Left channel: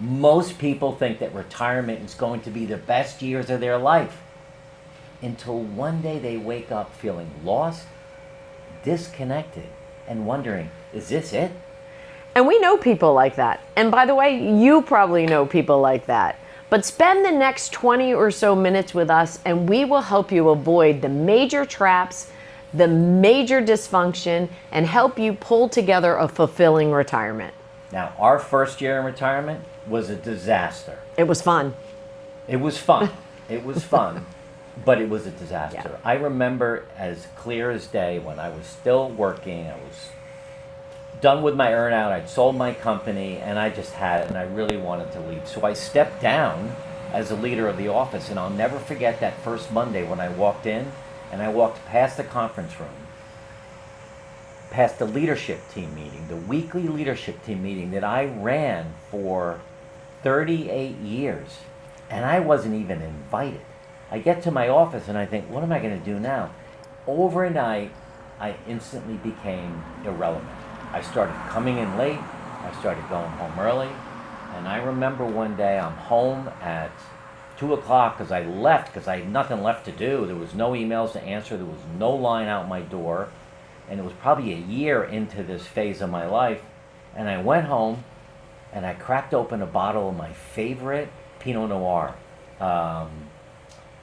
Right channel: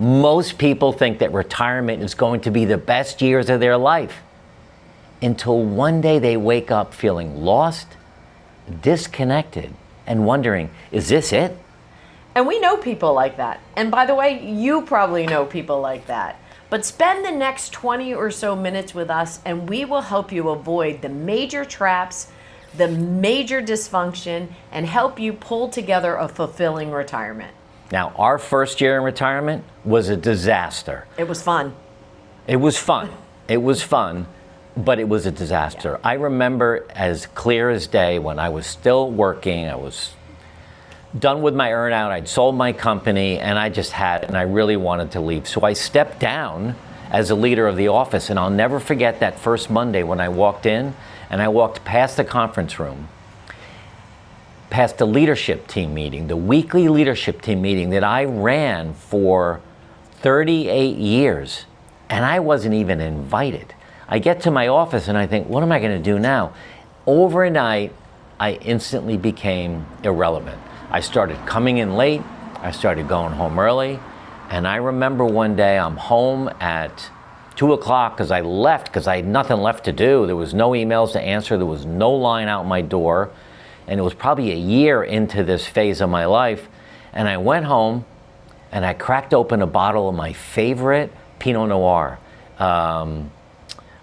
Most people think that retirement is going to be the best years of their life until one day they wake up feeling lost, disconnected, and wondering, is this it? And we know people like that. And by the way, you probably know people like that. But spend the next 20 or so minutes with us and we will help you avoid the major traps, the major dysfunction, and help you pull together a fulfilling retirement. Now, our first year in retirement was a disaster. It was fun. It was fun. It was fun, but it was a disaster. Yeah. I remember as clear as day when I was still working, I was done with my earnout, I'd sold my company, and I really wanted to leave. So I stepped down as a leader of the office, and I'll never forget that first Monday when I walked in, and I walked past the conference room, past the leadership team meeting, the weekly leadership team meeting that I ran for 38 years, and I wasn't even invited. I get to my office and I think, what am I gonna do now? Overnight, I instantly became irrelevant. I started coming in late, I started going home early, and I remember one day I'm home at 2 o'clock because I left because I had nothing left to do. There was no emails to answer, there was no line out my door, and it was probably a year into this phase of my life, and I went home and I cracked open a bottle of my favorite Pinot Noir.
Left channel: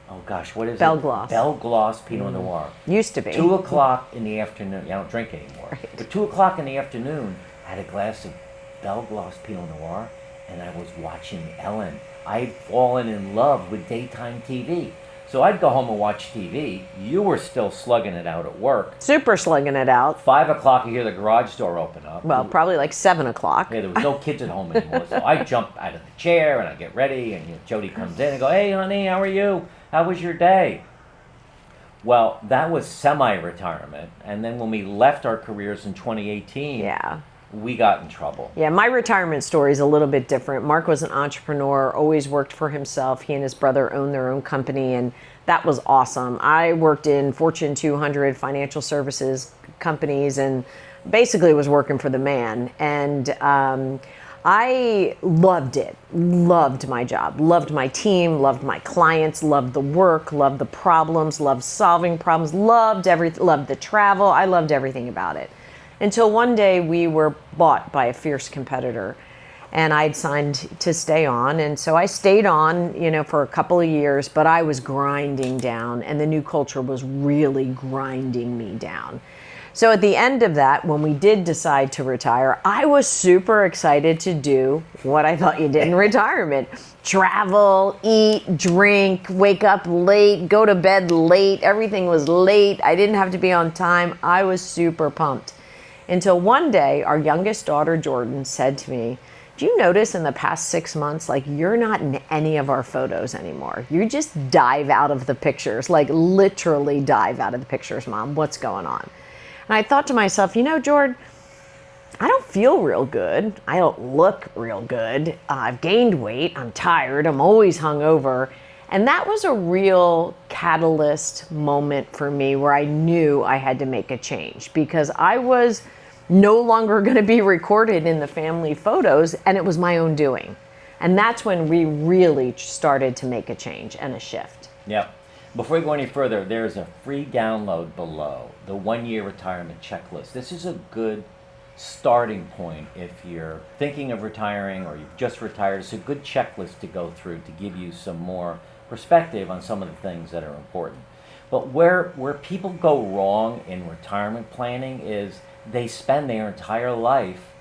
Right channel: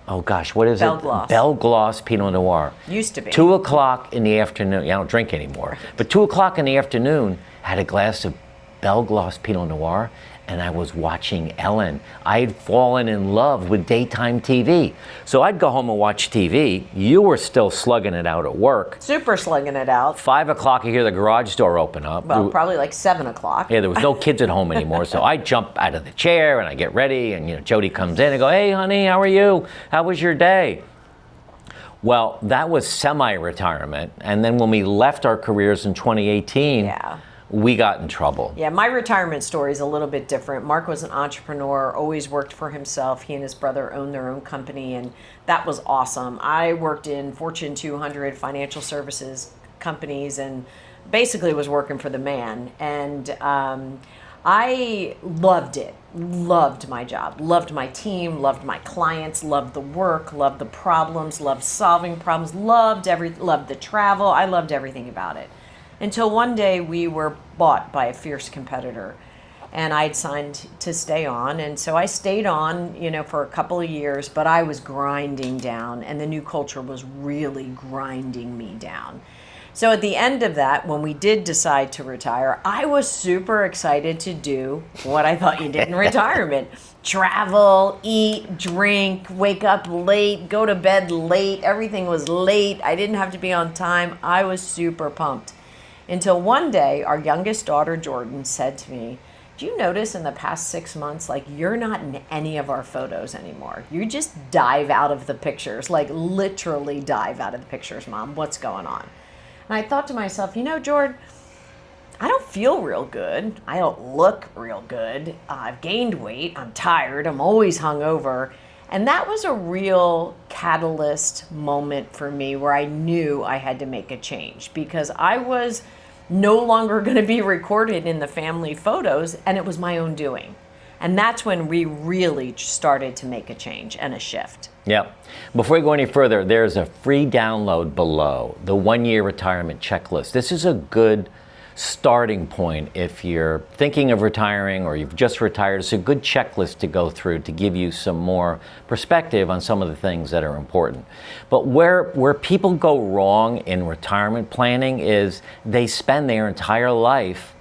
Oh gosh, what is it? Belle Gloss Pinot Noir. Used to be. 2 o'clock in the afternoon. I don't drink anymore. But 2 o'clock in the afternoon, I had a glass of Belle Gloss Pinot Noir, and I was watching Ellen. I had fallen in love with daytime TV. So I'd go home and watch TV. You were still slugging it out at work. Super slugging it out. 5 o'clock, you hear the garage door open up. Well, probably like 7 o'clock. Yeah, there was no kids at home anymore. So I jump out of the chair and I get ready, and Jody comes in and go, hey honey, how are you? How was your day? Well, that was semi-retirement. And then when we left our careers in 2018, we got in trouble. Yeah, my retirement story is a little bit different. Mark was an entrepreneur, always worked for himself. He and his brother owned their own company, and that was awesome. I worked in Fortune 200 financial services companies and basically was working for the man. And I loved it, loved my job, loved my team, loved my clients, loved the work, loved the problems, loved solving problems, loved the travel. I loved everything about it. Until one day we were bought by a fierce competitor, and I'd signed to stay on. And so I stayed on, for a couple of years, but I was grinding down, and the new culture was really grinding me down. So at the end of that, when we did decide to retire, I was super excited to do what I thought you did in retirement. Travel, eat, drink, wake up late, go to bed late. Everything was late. I didn't have to be on time. I was super pumped. Until one day, our youngest daughter, Jordan, said to me, do you notice in the past 6 months, you're not in any of our photos anymore. You just dive out of the pictures, literally dive out of the pictures, Mom. What's going on? And I thought to myself, Jordan, I don't feel real good. I don't look real good. I've gained weight. I'm tired. I'm always hungover. And that was a real catalyst moment for me where I knew I had to make a change because I was no longer going to be recorded in the family photos, and it was my own doing. And that's when we really started to make a change and a shift. Yeah. Before we go any further, there's a free download below, the 1-year retirement checklist. This is a good starting point if you're thinking of retiring or you've just retired. It's a good checklist to go through to give you some more perspective on some of the things that are important. But where people go wrong in retirement planning is they spend their entire life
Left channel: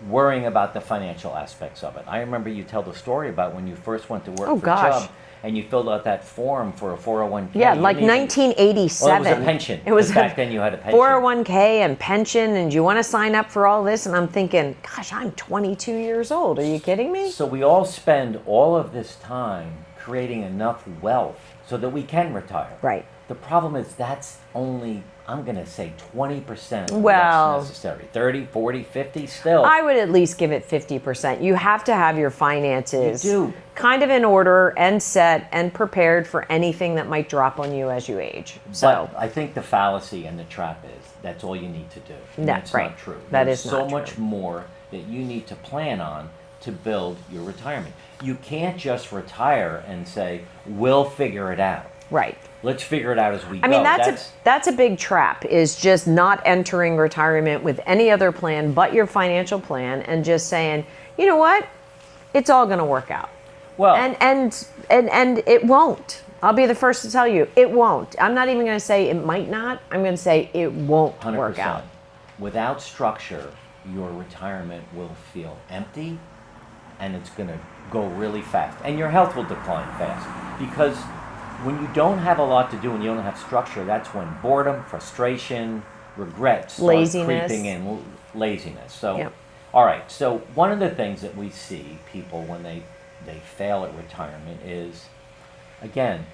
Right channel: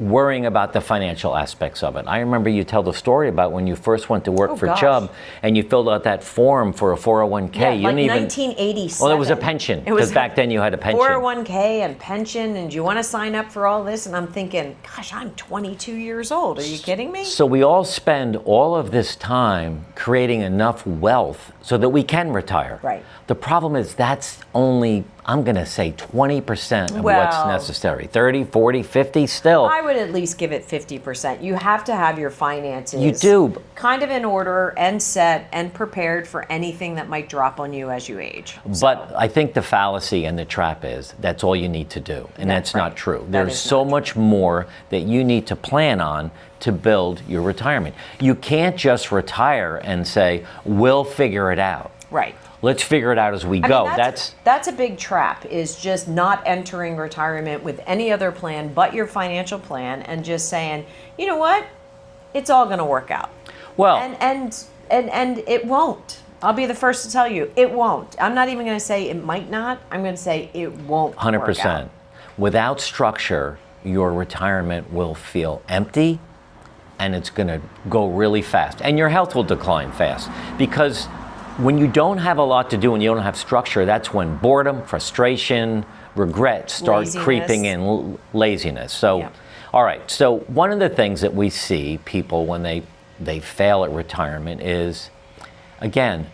worrying about the financial aspects of it. I remember you tell the story about when you first went to work for Chubb and you filled out that form for a 401k. Yeah, 1987. Well, it was a pension. Because back then you had a pension. 401k and pension, and do you want to sign up for all this? And I'm thinking, gosh, I'm 22 years old. Are you kidding me? So we all spend all of this time creating enough wealth so that we can retire. Right. The problem is that's only, I'm going to say 20% of what's necessary. 30, 40, 50 still. I would at least give it 50%. You have to have your finances kind of in order and set and prepared for anything that might drop on you as you age. But I think the fallacy and the trap is that's all you need to do. And that's not true. There's so much more that you need to plan on to build your retirement. You can't just retire and say, we'll figure it out. Right. Let's figure it out as we go. I mean, that's a big trap, is just not entering retirement with any other plan but your financial plan and just saying, you know what, it's all going to work out. Well, and it won't. I'll be the first to tell you, it won't. I'm not even going to say it might not. I'm going to say it won't 100%. work out. Without structure, your retirement will feel empty, and it's going to go really fast. And your health will decline fast, because when you don't have a lot to do and you don't have structure, that's when boredom, frustration, regret start Laziness. creeping in, laziness. So, Yep. All right. So one of the things that we see people when they fail at retirement is, again,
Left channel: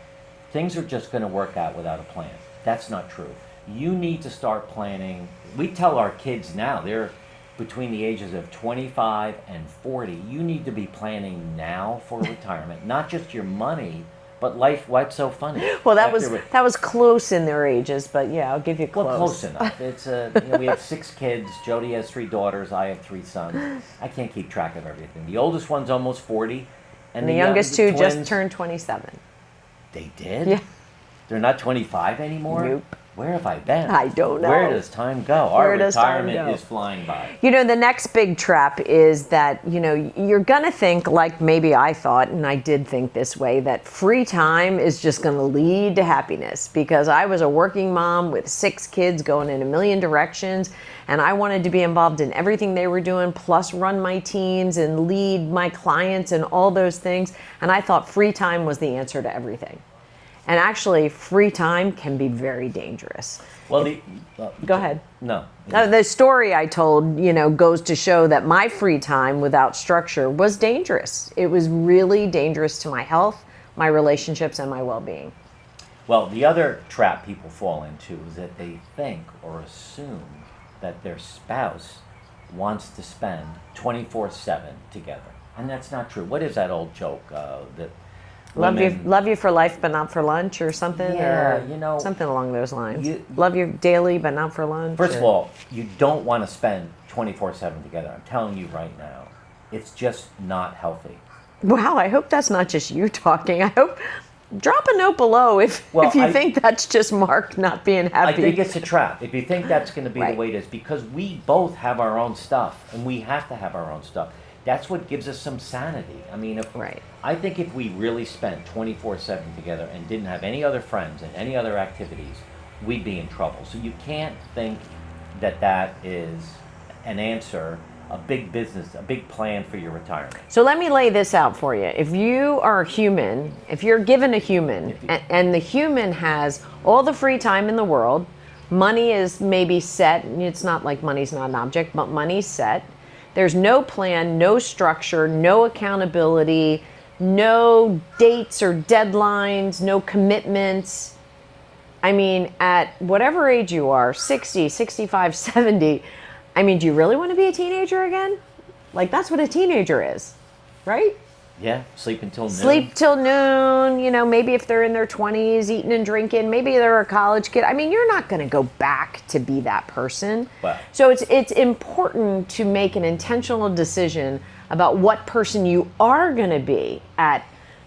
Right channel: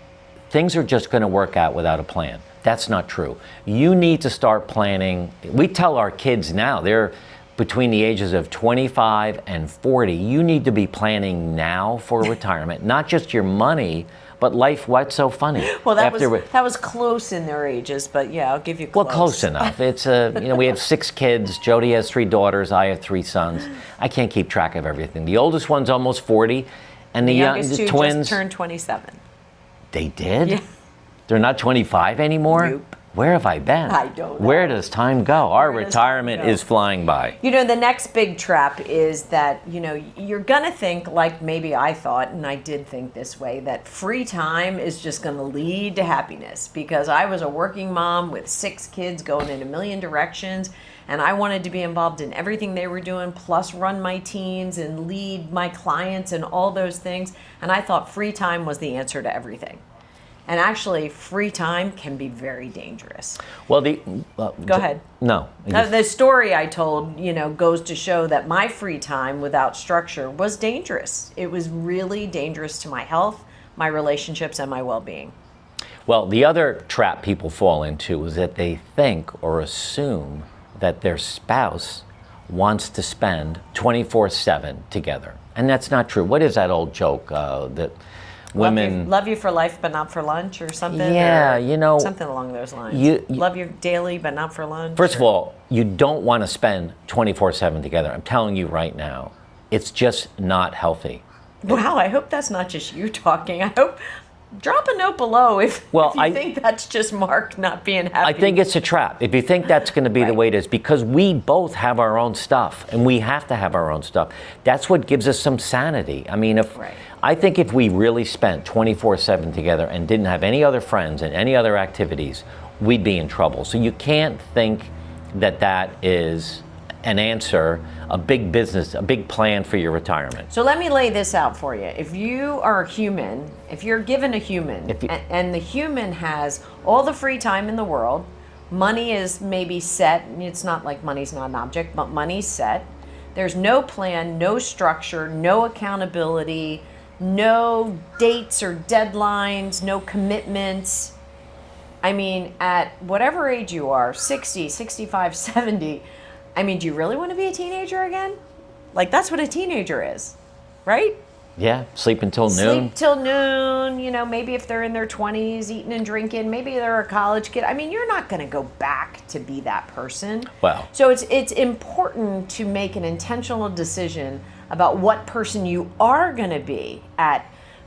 things are just going to work out without a plan. That's not true. You need to start planning. We tell our kids now, they're between the ages of 25 and 40, you need to be planning now for retirement, not just your money, but life. What's so funny? Well, that was close in their ages, but yeah, I'll give you close. Well, close enough. It's we have 6 kids. Jody has 3 daughters. I have 3 sons. I can't keep track of everything. The oldest one's almost 40, and The youngest two twins just turned 27. They did? Yeah. They're not 25 anymore? Nope. Where have I been? I don't know. Where does time go? Our Where does time retirement go? is flying by. You know, the next big trap is that, you're going to think, like maybe I thought, and I did think this way, that free time is just going to lead to happiness, because I was a working mom with 6 kids going in a million directions, and I wanted to be involved in everything they were doing, plus run my teams and lead my clients and all those things. And I thought free time was the answer to everything. And actually, free time can be very dangerous. Well, Go ahead. No. The story I told, goes to show that my free time without structure was dangerous. It was really dangerous to my health, my relationships, and my well-being. Well, the other trap people fall into is that they think or assume that their spouse wants to spend 24/7 together. And that's not true. What is that old joke that women... Love you for life, but not for lunch, or something? Yeah, or something along those lines. Love you daily, but not for lunch. First of all, you don't want to spend 24/7 together. I'm telling you right now, it's just not healthy. Wow, I hope that's not just you talking. I hope... Drop a note below if you think that's just Mark not being happy. I think it's a trap. If you think that's going to be the way it is, because we both have our own stuff, and we have to have our own stuff. That's what gives us some sanity. I mean, I think if we really spent 24/7 together and didn't have any other friends and any other activities, we'd be in trouble. So you can't think that that is an answer, a big business, a big plan for your retirement. So let me lay this out for you. If you are a human, if you're given a human, and the human has all the free time in the world, money is maybe set. It's not like money's not an object, but money's set. There's no plan, no structure, no accountability, no dates or deadlines, no commitments. I mean, at whatever age you are, 60, 65, 70, I mean, do you really want to be a teenager again? Like, that's what a teenager is, right? Yeah, sleep until noon. Sleep till noon, maybe if they're in their 20s, eating and drinking, maybe they're a college kid. I mean, you're not going to go back to be that person. Wow. So it's important to make an intentional decision about what person you are going to be at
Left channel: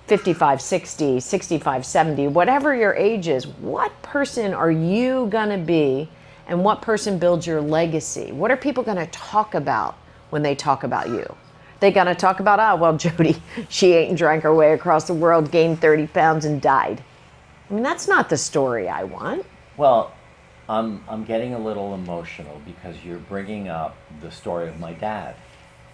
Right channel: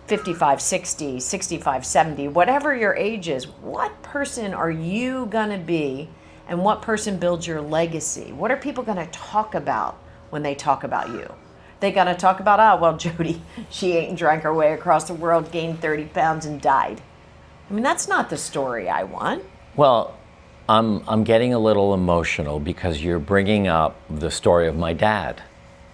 55, 60, 65, 70, whatever your age is. What person are you going to be? And what person builds your legacy? What are people going to talk about when they talk about you? They got to talk about, well, Jody, she ate and drank her way across the world, gained 30 pounds, and died. I mean, that's not the story I want. Well, I'm getting a little emotional because you're bringing up the story of my dad,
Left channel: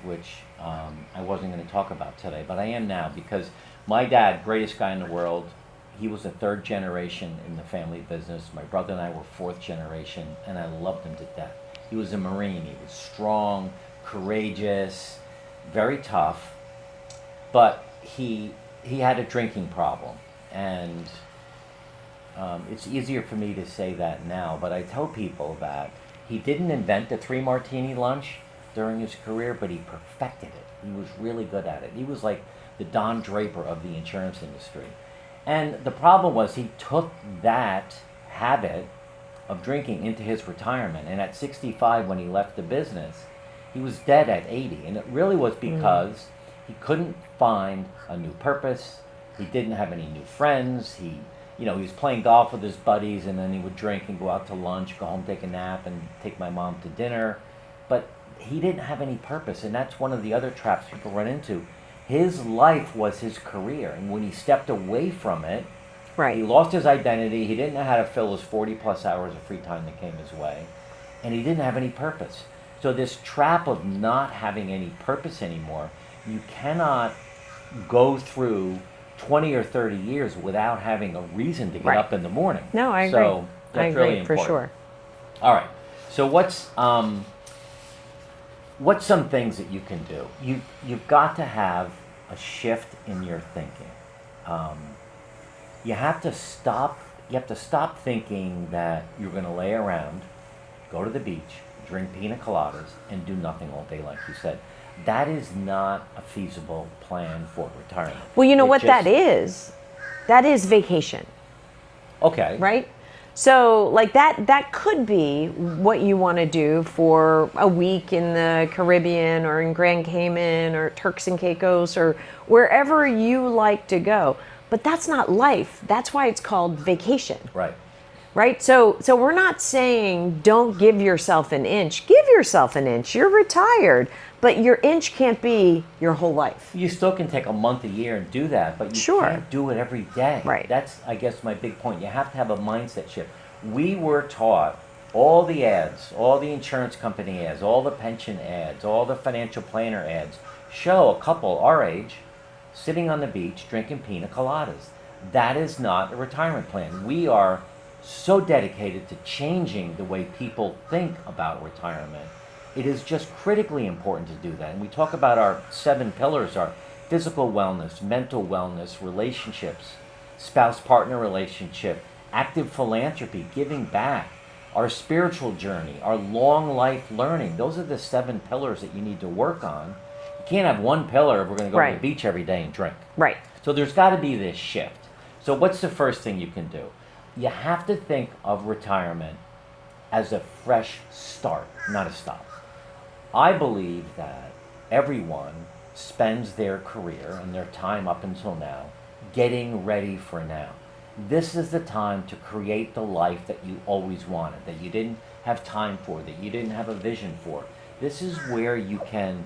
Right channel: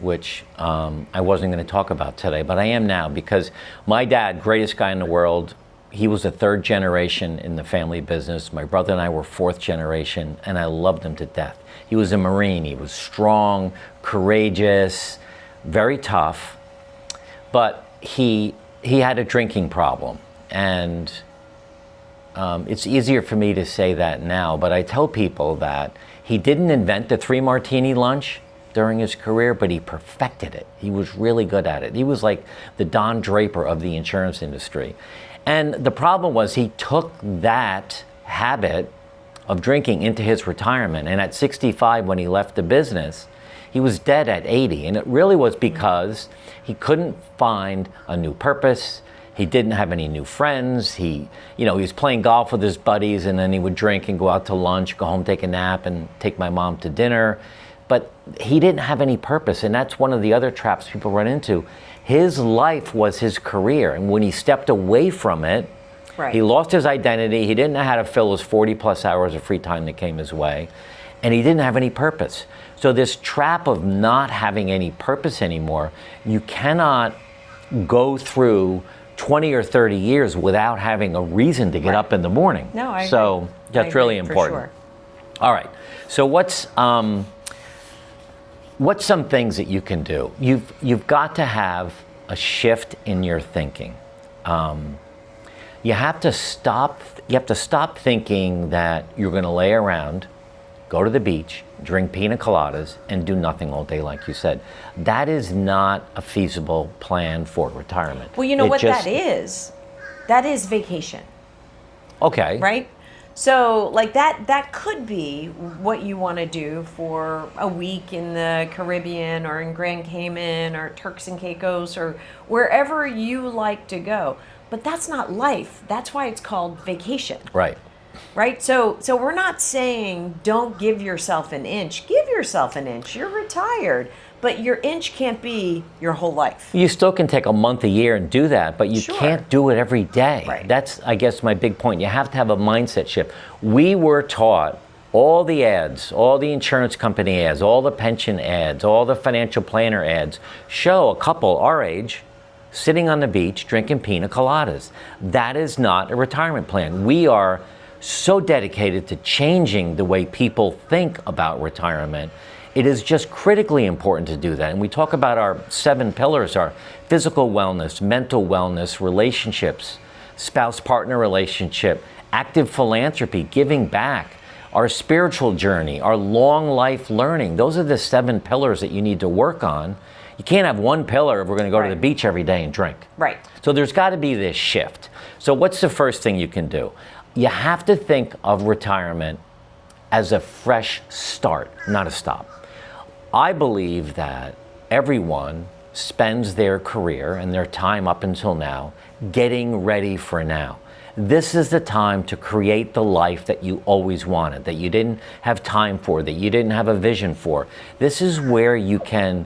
which I wasn't going to talk about today, but I am now, because my dad, greatest guy in the world, he was a 3rd generation in the family business. My brother and I were 4th generation, and I loved him to death. He was a Marine. He was strong, courageous, very tough, but he had a drinking problem. And it's easier for me to say that now, but I tell people that he didn't invent the 3-martini lunch during his career, but he perfected it. He was really good at it. He was like the Don Draper of the insurance industry. And the problem was he took that habit of drinking into his retirement. And at 65, when he left the business, he was dead at 80. And it really was because he couldn't find a new purpose. He didn't have any new friends. He was playing golf with his buddies, and then he would drink and go out to lunch, go home, take a nap, and take my mom to dinner. But he didn't have any purpose, and that's one of the other traps people run into. His life was his career, and when he stepped away from it, he lost his identity. He didn't know how to fill his 40 plus hours of free time that came his way, and he didn't have any purpose. So this trap of not having any purpose anymore, you cannot go through 20 or 30 years without having a reason to get up in the morning. No, I agree. So that's really important. For sure. All right. So what's some things that you can do? You've got to have a shift in your thinking. You have to stop thinking that you're going to lay around, go to the beach, drink pina coladas, and do nothing all day, like you said. That is not a feasible plan for retirement. Well, you know what that is? That is vacation. Okay. Right? So like that could be what you want to do for a week in the Caribbean or in Grand Cayman or Turks and Caicos or wherever you like to go. But that's not life. That's why it's called vacation. Right. Right? So we're not saying don't give yourself an inch. Give yourself an inch. You're retired. But your inch can't be your whole life. You still can take a month, a year and do that, but you can't do it every day. Right. That's, I guess, my big point. You have to have a mindset shift. We were taught all the ads, all the insurance company ads, all the pension ads, all the financial planner ads show a couple our age sitting on the beach drinking pina coladas. That is not a retirement plan. We are so dedicated to changing the way people think about retirement. It is just critically important to do that. And we talk about our 7 pillars, our physical wellness, mental wellness, relationships, spouse-partner relationship, active philanthropy, giving back, our spiritual journey, our long life learning. Those are the 7 pillars that you need to work on. You can't have one pillar if we're going to go to the beach every day and drink. Right. So there's got to be this shift. So what's the first thing you can do? You have to think of retirement as a fresh start, not a stop. I believe that everyone spends their career and their time up until now getting ready for now. This is the time to create the life that you always wanted, that you didn't have time for, that you didn't have a vision for. This is where you can,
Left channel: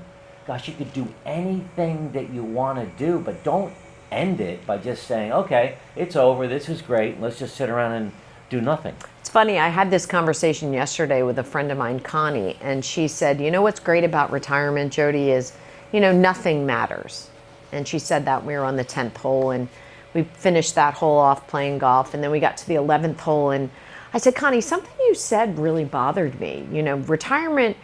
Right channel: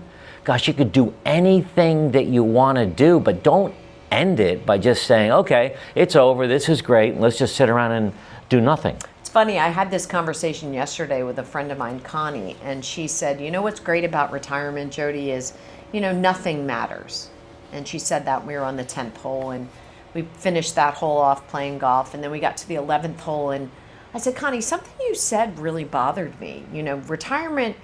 you could do anything that you want to do, but don't end it by just saying, okay, it's over, this is great, let's just sit around and do nothing. It's funny, I had this conversation yesterday with a friend of mine, Connie, and she said, you know what's great about retirement, Jody, is, nothing matters. And she said that we were on the 10th hole, and we finished that hole off playing golf, and then we got to the 11th hole, and I said, Connie, something you said really bothered me. Retirement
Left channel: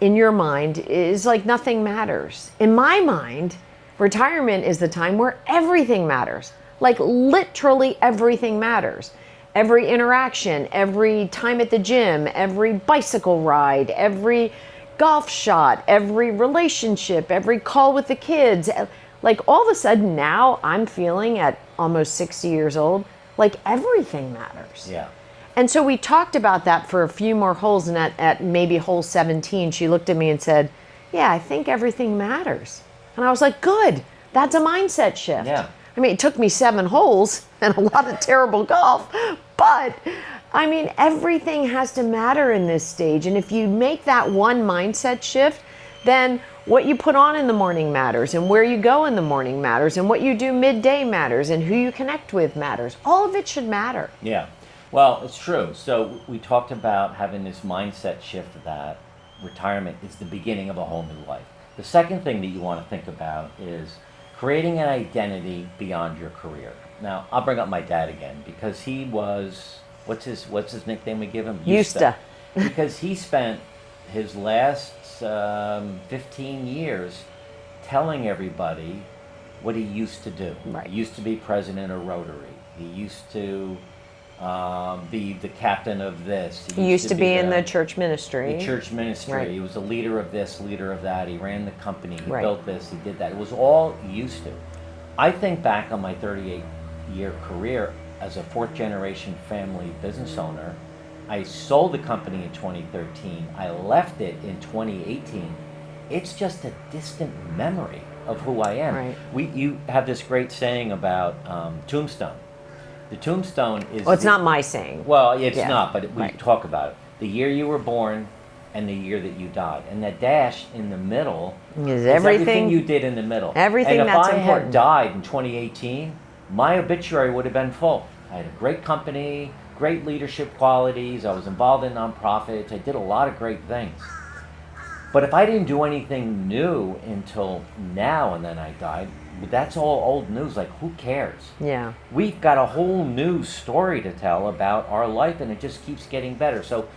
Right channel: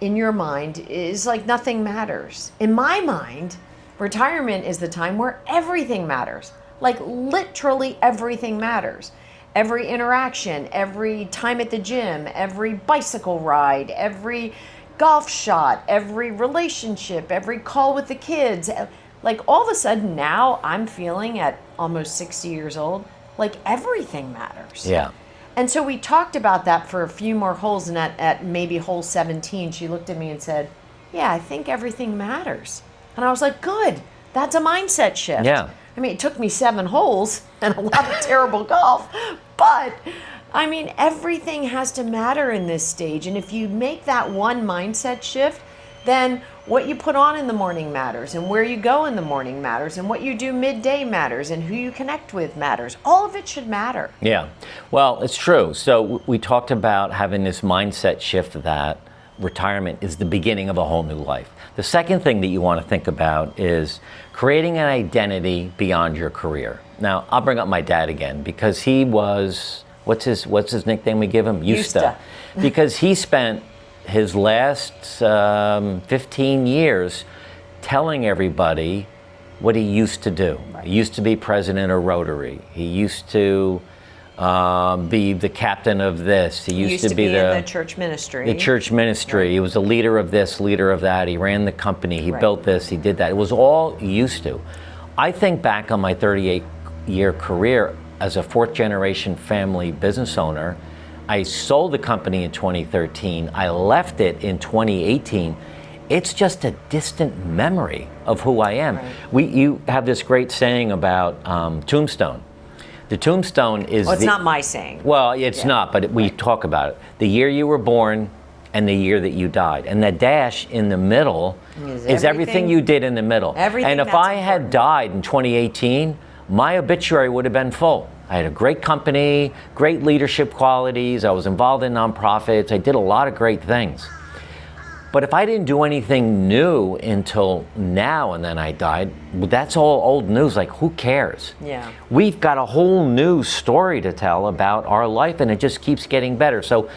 in your mind is like nothing matters. In my mind, retirement is the time where everything matters. Like literally everything matters. Every interaction, every time at the gym, every bicycle ride, every golf shot, every relationship, every call with the kids. Like all of a sudden now I'm feeling at almost 60 years old, like everything matters. Yeah. And so we talked about that for a few more holes, and at maybe hole 17, she looked at me and said, yeah, I think everything matters. And I was like, good, that's a mindset shift. Yeah. I mean, it took me 7 holes and a lot of terrible golf, but I mean, everything has to matter in this stage. And if you make that one mindset shift, then what you put on in the morning matters, and where you go in the morning matters, and what you do midday matters, and who you connect with matters. All of it should matter. Yeah, well, it's true. So we talked about having this mindset shift that retirement is the beginning of a whole new life. The second thing that you want to think about is creating an identity beyond your career. Now, I'll bring up my dad again because he was, what's his nickname we give him? Yusta. Because he spent his last 15 years telling everybody what he used to do. Right. He used to be president of Rotary. He used to be the captain of this. He used to be in the church ministry. The church ministry. Right. He was a leader of this, leader of that. He ran the company. He built this. He did that. It was all he used to. I think back on my 38-year career as a 4th-generation family business owner. I sold the company in 2013. I left it in 2018. it's just a distant memory of who I am. Right. You have this great saying about tombstone. The tombstone is. Well, it's not my saying. Well, it's not, but we talk about it. The year you were born and the year that you died. And the dash in the middle is everything you did in the middle. Everything and if that's I had died in 2018, my obituary would have been full. I had a great company, great leadership qualities, I was involved in nonprofits, I did a lot of great things. But if I didn't do anything new until now and then I died, that's all old news. Like, who cares? Yeah. We've got a whole new story to tell about our life, and it just keeps getting better. So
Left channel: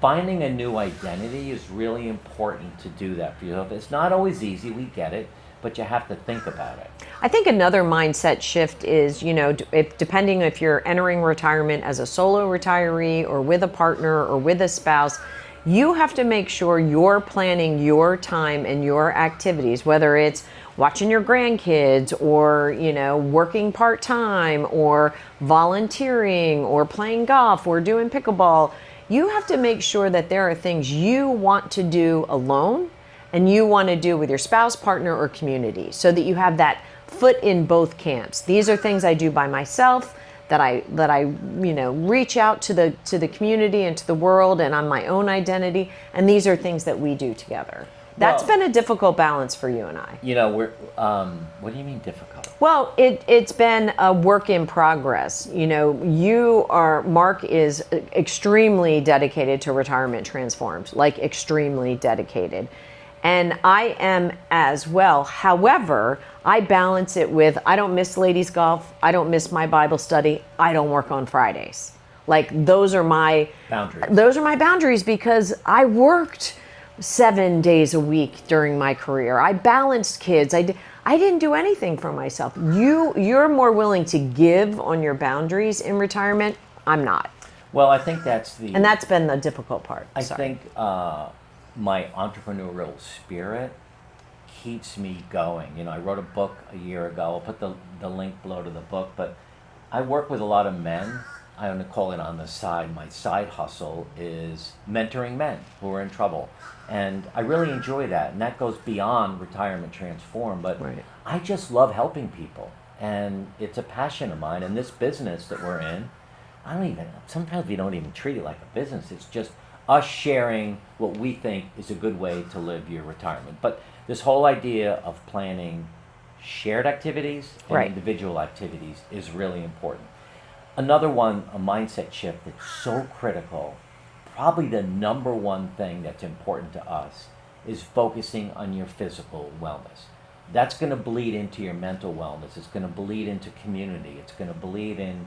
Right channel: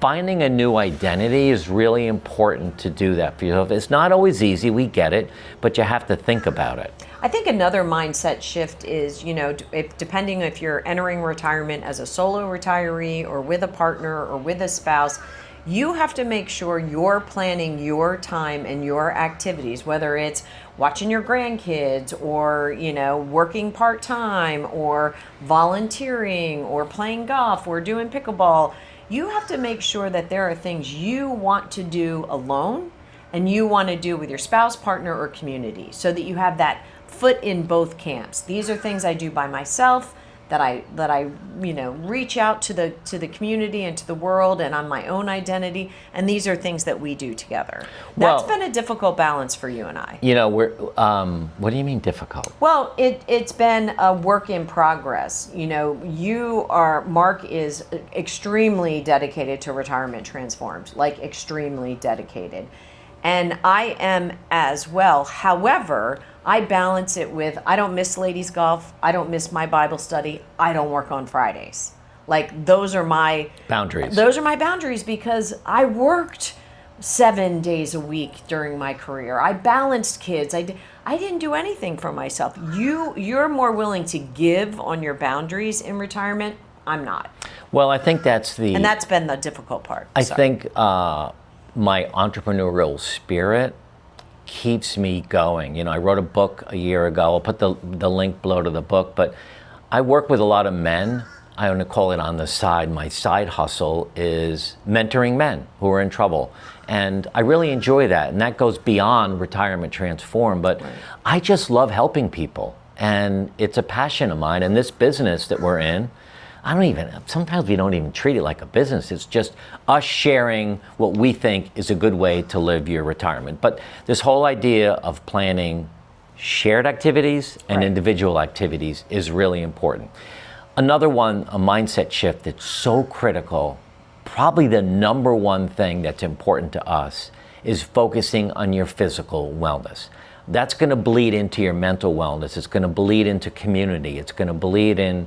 finding a new identity is really important to do that for yourself. It's not always easy, we get it, but you have to think about it. I think another mindset shift is, depending if you're entering retirement as a solo retiree or with a partner or with a spouse, you have to make sure you're planning your time and your activities, whether it's watching your grandkids or, working part-time or volunteering or playing golf or doing pickleball. You have to make sure that there are things you want to do alone and you want to do with your spouse, partner, or community, so that you have that foot in both camps. These are things I do by myself, that I reach out to the community and to the world and on my own identity, and these are things that we do together. That's been a difficult balance for you and I. What do you mean difficult? Well, it's been a work in progress. Mark is extremely dedicated to Retirement Transformed, like extremely dedicated. And I am as well. However, I balance it with, I don't miss ladies golf, I don't miss my Bible study, I don't work on Fridays. Like, those are my boundaries. Those are my boundaries because I worked 7 days a week during my career. I balanced kids. I didn't do anything for myself. You're more willing to give on your boundaries in retirement. I'm not. Well, I think that's been the difficult part. I think my entrepreneurial spirit keeps me going. I wrote a book a year ago. I'll put the link below to the book, but I work with a lot of men. I want to call it on the side. My side hustle is mentoring men who are in trouble. And I really enjoy that. And that goes beyond Retirement Transform, but right. I just love helping people. And it's a passion of mine. And this business that we're in, sometimes we don't even treat it like a business. It's just us sharing what we think is a good way to live your retirement. But this whole idea of planning shared activities and individual activities is really important. Another one, a mindset shift that's so critical, probably the number one thing that's important to us, is focusing on your physical wellness. That's going to bleed into your mental wellness. It's going to bleed into community. It's going to bleed into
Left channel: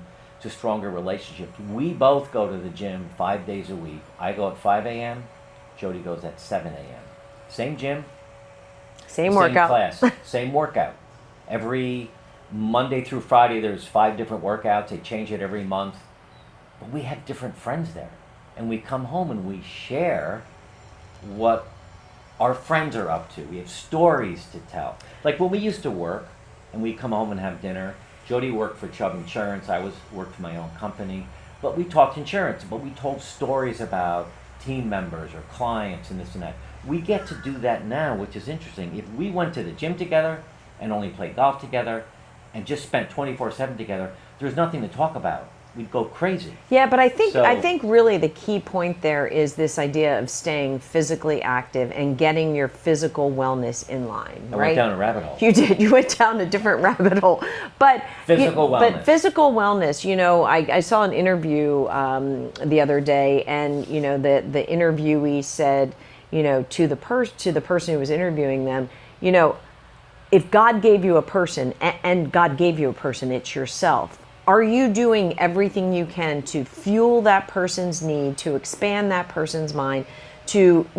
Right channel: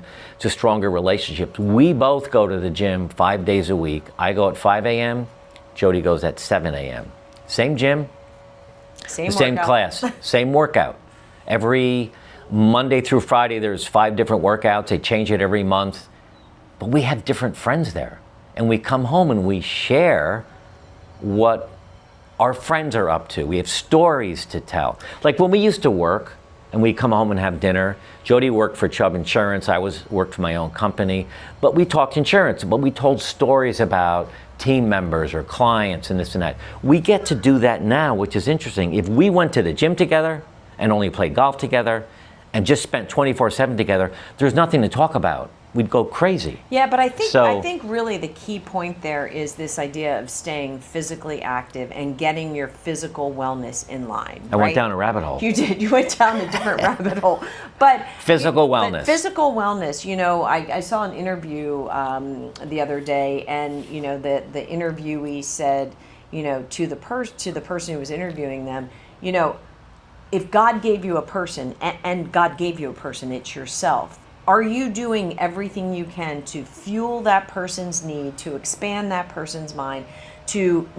stronger relationships. We both go to the gym 5 days a week. I go at 5 a.m. Jody goes at 7 a.m. Same gym, same class, same workout. Every Monday through Friday, there's 5 different workouts. They change it every month. But we have different friends there. And we come home and we share what our friends are up to. We have stories to tell. Like when we used to work and we'd come home and have dinner, Jody worked for Chubb Insurance, I worked for my own company, but we talked insurance, but we told stories about team members or clients and this and that. We get to do that now, which is interesting. If we went to the gym together and only played golf together and just spent 24/7 together, there's nothing to talk about. We'd go crazy. Yeah, but I think really the key point there is this idea of staying physically active and getting your physical wellness in line. I went down a rabbit hole. You did. You went down a different rabbit hole. But physical wellness. But physical wellness. I saw an interview the other day, and the interviewee said, to the person who was interviewing them, if God gave you a person, and God gave you a person, it's yourself. Are you doing everything you can to fuel that person's need, to expand that person's mind, to,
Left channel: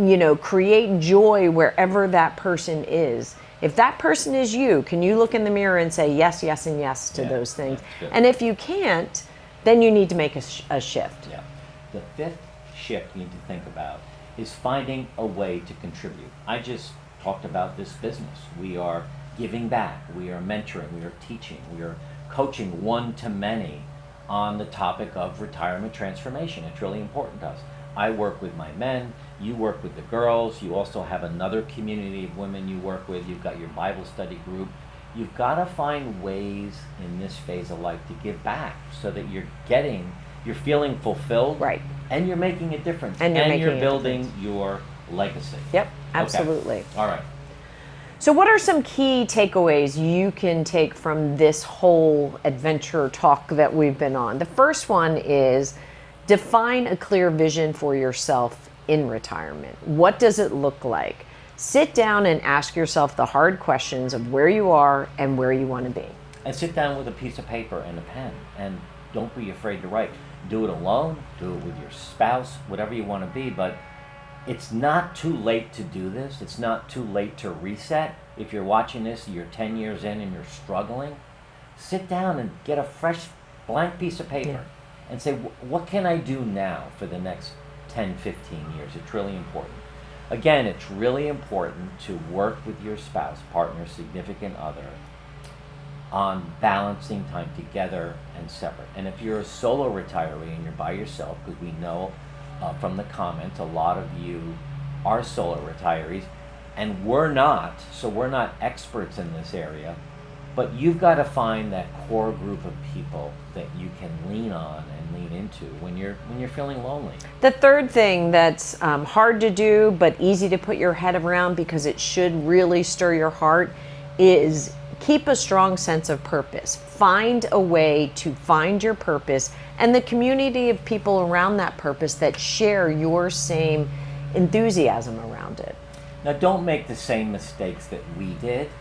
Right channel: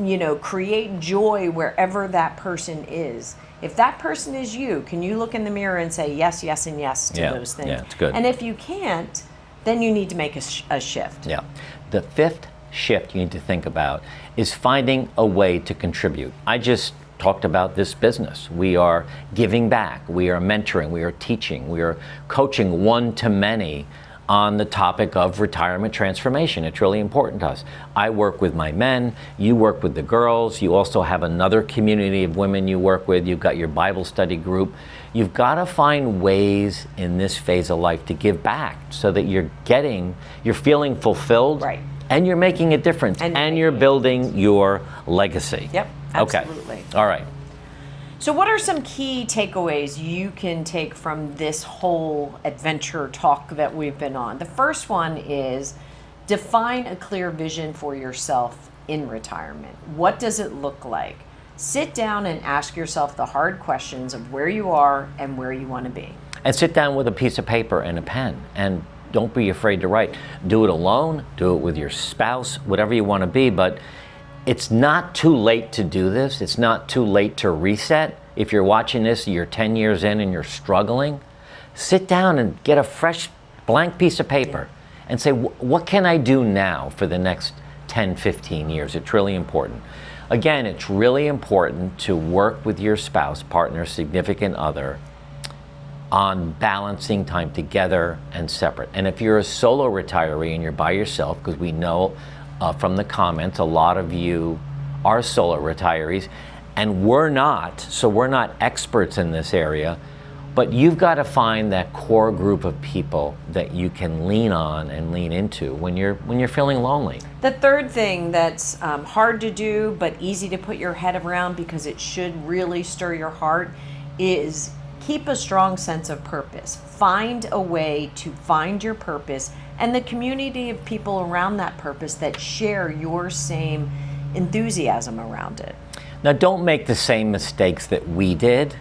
create joy wherever that person is? If that person is you, can you look in the mirror and say yes, yes, and yes to those things? Yeah, it's good. And if you can't, then you need to make a shift. Yeah. The 5th shift you need to think about is finding a way to contribute. I just talked about this business. We are giving back, we are mentoring, we are teaching, we are coaching one-to-many on the topic of retirement transformation. It's really important to us. I work with my men, you work with the girls, you also have another community of women you work with, you've got your Bible study group. You've got to find ways in this phase of life to give back so that you're feeling fulfilled, right, and you're making a difference, and you're building your legacy. Yep, absolutely. Okay. All right. So what are some key takeaways you can take from this whole adventure talk that we've been on? The first one is define a clear vision for yourself in retirement. What does it look like? Sit down and ask yourself the hard questions of where you are and where you want to be. And sit down with a piece of paper and a pen, and don't be afraid to write. Do it alone, do it with your spouse, whatever you want to be, but it's not too late to do this. It's not too late to reset. If you're watching this, you're 10 years in and you're struggling, sit down and get a fresh blank piece of paper and say, what can I do now for the next 10, 15 years? It's really important. Again, it's really important to work with your spouse, partner, significant other on balancing time together and separate. And if you're a solo retiree and you're by yourself, because we know from the comments, a lot of you are solo retirees, and we're not, so we're not experts in this area, but you've got to find that core group of people that you can lean on and lean into when you're feeling lonely. The third thing that's hard to do but easy to put your head around because it should really stir your heart is keep a strong sense of purpose. Find a way to find your purpose and the community of people around that purpose that share your same enthusiasm around it. Now, don't make the same mistakes that we did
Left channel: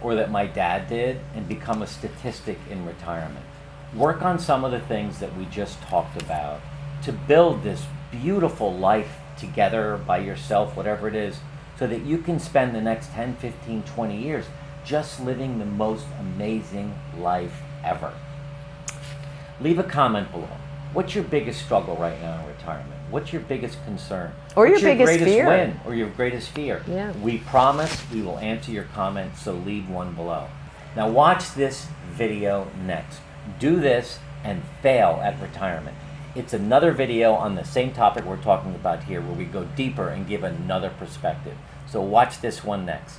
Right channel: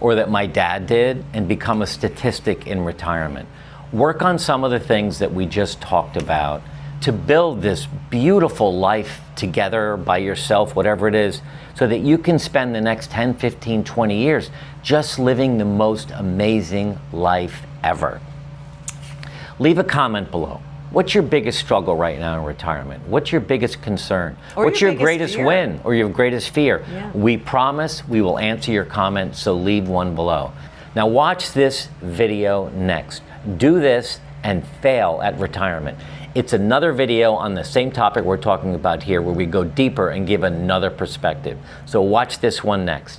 or that my dad did and become a statistic in retirement. Work on some of the things that we just talked about to build this beautiful life together by yourself, whatever it is, so that you can spend the next 10, 15, 20 years just living the most amazing life ever. Leave a comment below. What's your biggest struggle right now in retirement? What's your biggest concern? Or what's your greatest fear? win or your greatest fear? Yeah. We promise we will answer your comments, so leave one below. Now watch this video next. Do this and fail at retirement. It's another video on the same topic we're talking about here where we go deeper and give another perspective. So watch this one next.